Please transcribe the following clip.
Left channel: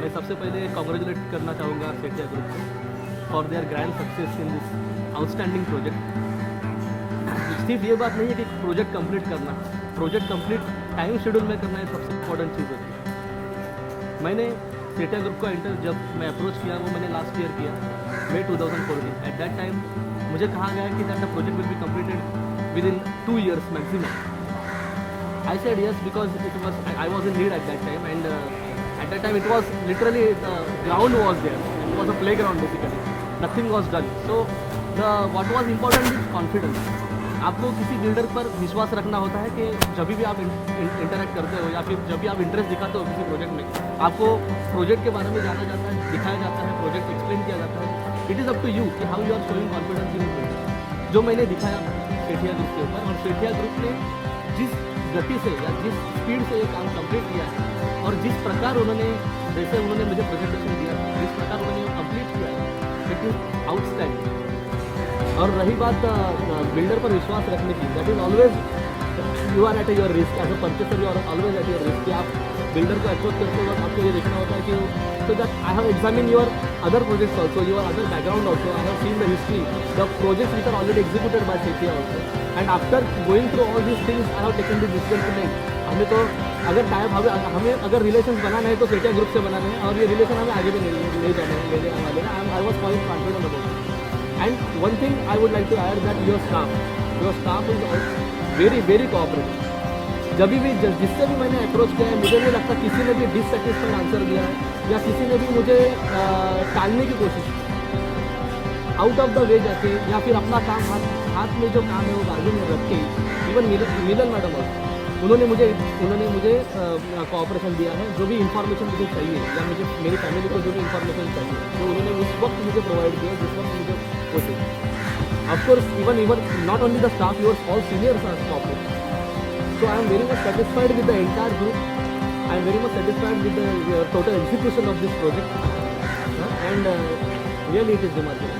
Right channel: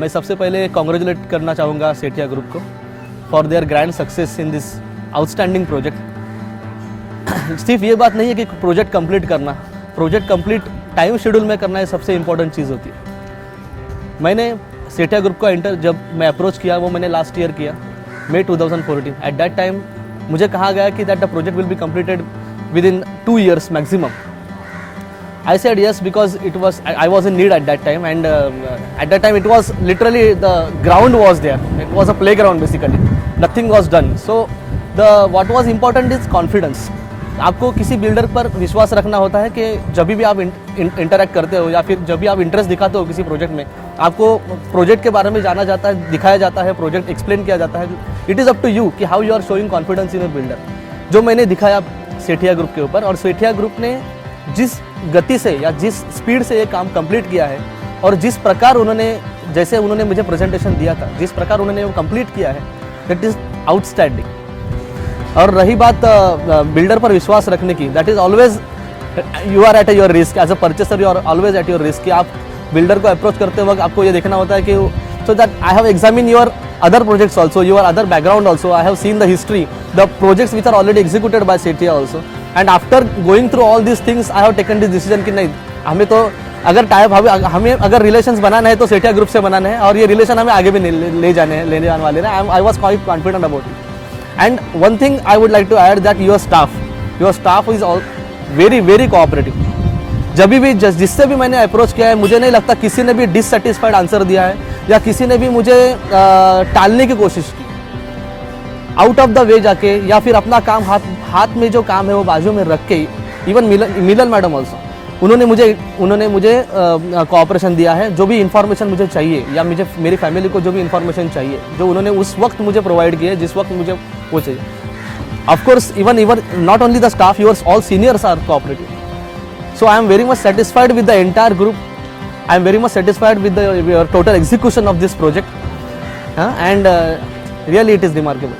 मैं सबसे पहले कॉन्ग्रेचुलेट करना चाहूँगा सेठिया ग्रुप को for their grand success in this outstanding project. सिर्फ ये बात नहीं है कि प्रोजेक्ट कंप्लीट करना, प्रोजेक्ट कंप्लीट टाइम शेड्यूल में करना, ये सबसे इंपॉर्टेंट चीज़ होती है। मैंने सेठिया ग्रुप का जब मैं अप्रोच किया वो मैंने लास्ट ईयर किया, May 2014। एट दैट टाइम मुझे कहा गया कि that the project will be completed with in 2 years maximum. I said yes because I was in need at that time, and at that time it was literally the ground was there. It was a playground basically. Nothing was done. So what was important is confidence. आपको किसी builder पर विश्वास रखना होता है कि जब भी आप इंटरेक्ट करते हो या फिर जब भी आप इंटरेस्ट दिखाते हो किसी प्रोजेक्ट में, आपको प्रोजेक्ट के बारे में जाना जाता है, दिखाया जाता है, प्रोजेक्ट एक्सप्लेन किया जाता है। It is up to you कि how you are showing confidence in a builder, जो मैंने दिखाया सेठिया ग्रुप के ऊपर। और सेठिया ग्रुप ने जिस गति से या जिस स्पीड से ये काम कंप्लीट किया है और जिस प्रकार जैसे उन्होंने मुझे प्रेजेंटेशन दिया था, जिस प्रकार उन्होंने वो कंप्लीट किया है, दैट इज़ आउटस्टैंडिंग। और रही बात बिल्डर पर विश्वास रखने की, that is always you are at your risk as a purchaser, you are always at your risk कि आप बिल्डर को अप्रोच करते वक्त आपको ये देखना होता है कि so that I have examine your other projects also, your other background also. I have seen the history, the projects which are already executed by Setia also. And after going through all these things, I have taken this decision कि नहीं, हमें तो अगर हमें अगर relations बनाना है तो Sethia group से बनाना है, और ये रिलेशन हमें आगे भी ले जाने वाले हैं। I was quite confident about it. And one thing I would like to add that your staff is all very very cooperative. जब भी जिससे भी मैंने अप्रोच किया है, मुझे नहीं लगता किसी ने भी डिससेटिस्फाइड आंसर दिया है या किसी ने भी मुझे टालने की कोशिश आउट ऑफ द वे जाके, या फिर अपना काम हाथ में जो काम है वो बाजू में रख के। इवन मिलन मैडम ऑल्सो, उन्होंने मुझे कोऑपरेशन दिया है। जो भी इंफॉर्मेशन मुझे चाहिए या मेरी फैमिली को जो भी इंफॉर्मेशन चाहिए, जो उन्होंने उस वक्त मुझे प्रोवाइड किया है, जिस वक्त मुझे वो चाहिए। Of course even not only the staff, your all seniors are cooperative. So I am very much satisfied with the entire group. I am very much satisfied with the total execution of this project, and really it is remarkable.